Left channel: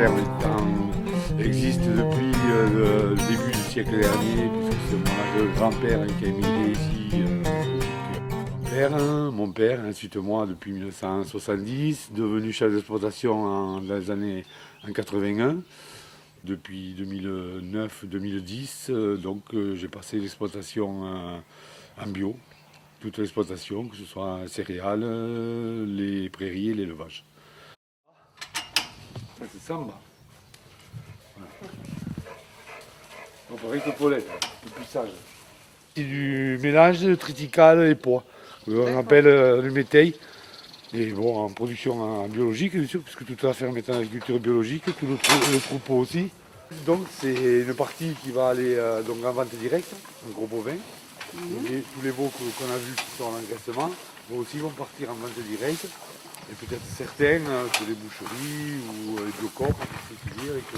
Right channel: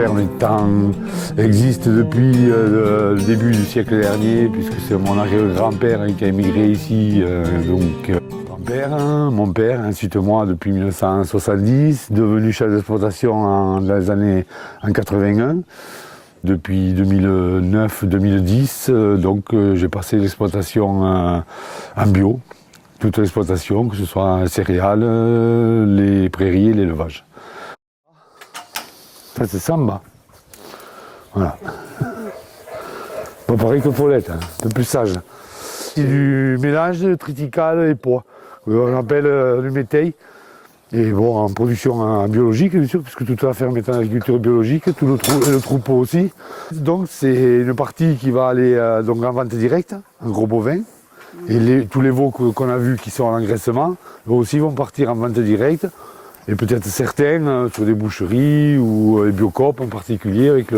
ferme existe depuis le début du siècle dernier, puisque c'est mon arrière-grand-père qui a émigré ici. Mon père, ensuite moi depuis 1970, devenu chef d'exploitation dans les années 81. Depuis 2009-2010, j'ai passé l'exploitation en bio, toute l'exploitation, que ce soit céréales, les prairies et l'élevage. Ça c'est Samba. Voilà. Pas pareil que Paulette, un peu plus sage. C'est du mélange triticale et pois. On appelle le métail. Et bon, en production biologique, bien sûr, puisque toute la ferme est en agriculture biologique, tout le troupeau aussi. Donc c'est une partie qui va aller en vente directe, un gros bovin. Et tous les veaux qu'on a vus qui sont en engraissement, eux aussi vont partir en vente directe. Et peut-être certains sur des boucheries ou les Biocoop en particulier avec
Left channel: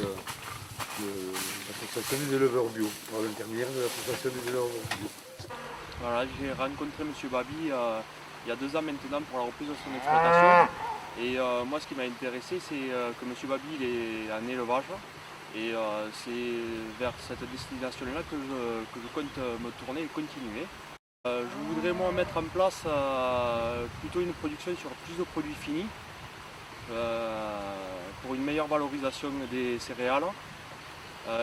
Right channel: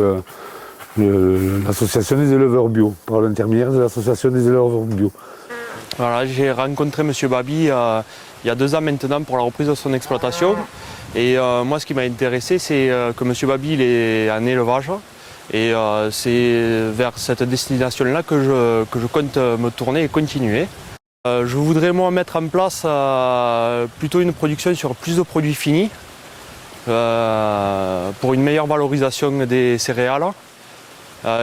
l'association des éleveurs bio, par l'intermédiaire de l'association des éleveurs bio. Voilà, j'ai rencontré M. Babi il y a 2 ans maintenant pour la reprise de son exploitation. Et moi, ce qui m'a intéressé, c'est que M. Babi il est en élevage. Et c'est vers cette destination-là que je compte me tourner et continuer. Je voudrais moi mettre en place plutôt une production sur plus de produits finis pour une meilleure valorisation des céréales.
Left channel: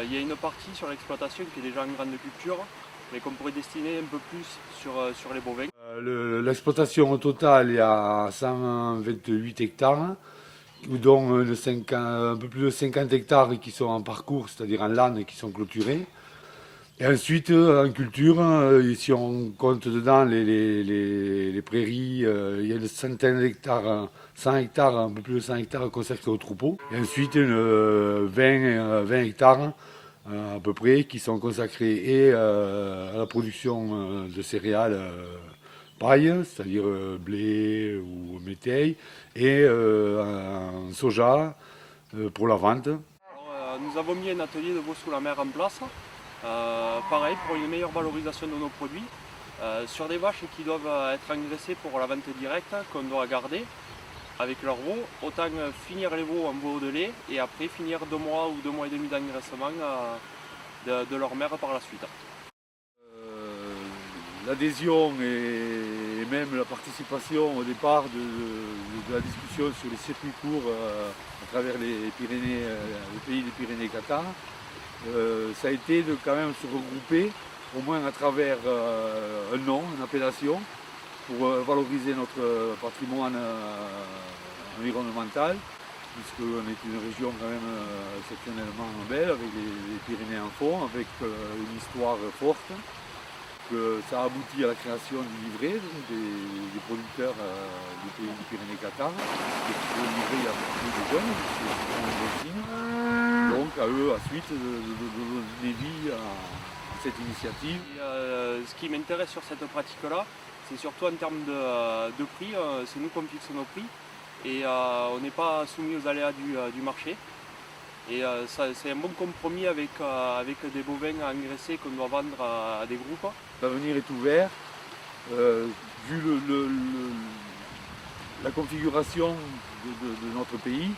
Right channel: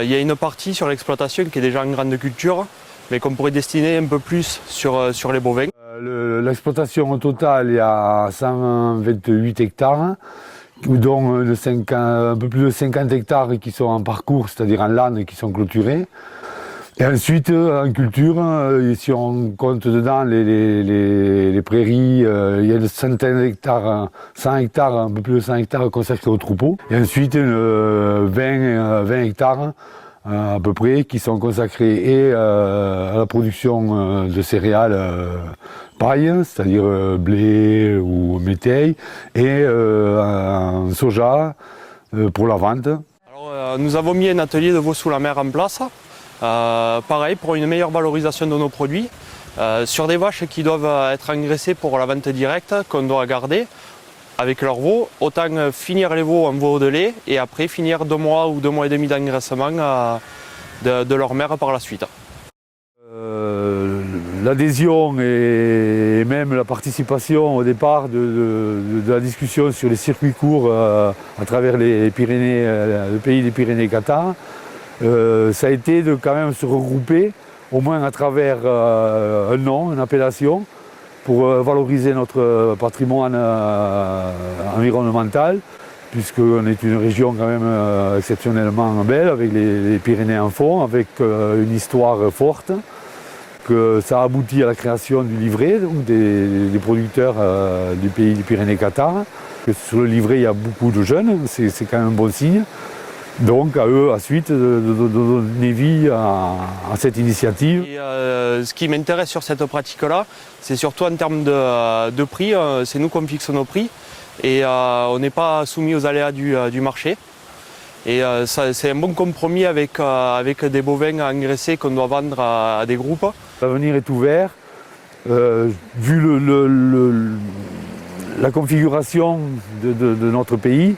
Il y a une partie sur l'exploitation qui est déjà en grande culture, mais qu'on pourrait destiner un peu plus sur les bovins. L'exploitation au total, il y a 128 hectares, dont un peu plus de 50 hectares qui sont en parcours, c'est-à-dire en lanes qui sont clôturés. Et ensuite, en culture, si on compte dedans les prairies, il y a une centaine d'hectares, 100 hectares, un peu plus de 100 hectares consacrés au troupeau. Et ensuite, 20 hectares à peu près qui sont consacrés et à la production de céréales paille, c'est-à-dire blé ou métail, et en soja pour la vente. Alors, nous avons mis un atelier de veau sous la mer en place. Pareil, pour une meilleure valorisation de nos produits, sur des vaches qui doivent être engraissées pour la vente directe, qu'on doit garder avec leurs veaux, autant finir les veaux en veaux de lait et après finir 2 mois ou 2 mois et demi d'engraissement de leur mère par la suite. L'adhésion et même la participation au départ de la discussion sur les circuits courts à travers les Pyrénées, le pays des Pyrénées-Qatar, ça a été de quand même se regrouper, au moins à travers un nom, une appellation, pour valoriser notre patrimoine environnemental, puisqu'on est une région quand même exceptionnellement belle, avec les Pyrénées en fond, avec une histoire forte, que ça a abouti à la création du livret donc des producteurs du pays des Pyrénées-Qatar. Sur le livret, il y a beaucoup de jeunes, c'est quand même un bon signe. Donc à eux ensuite de donner vie à cette initiative. Et, ce qui m'intéresse sur cette pratique-là, c'est surtout en termes de prix. C'est nous qui fixons nos prix et on n'est pas soumis aux aléas du marché. Et c'est un bon compromis avec des bovins engraissés qu'on doit vendre à des groupes. L'avenir est ouvert. Vu la configuration de notre pays,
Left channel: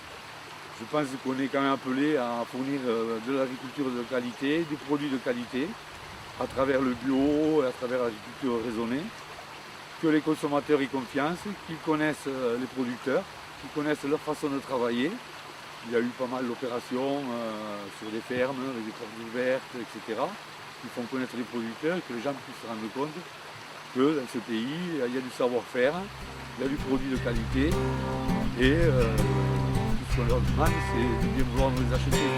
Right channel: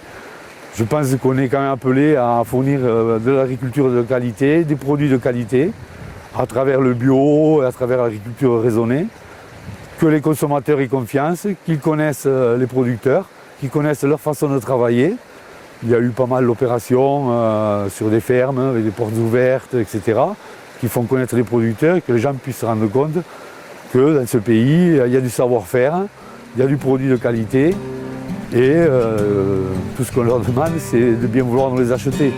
je pense qu'on est quand même appelé à fournir de l'agriculture de qualité, des produits de qualité, à travers le bio, à travers l'agriculture raisonnée, que les consommateurs y confiance, qu'ils connaissent les producteurs, qu'ils connaissent leur façon de travailler. Il y a eu pas mal d'opérations sur des fermes, avec des portes ouvertes, etc., qui font connaître les producteurs et que les gens puissent se rendre compte que dans ce pays, il y a du savoir-faire, il y a du produit de qualité et tout ce qu'on leur demande, c'est de bien vouloir nous les acheter.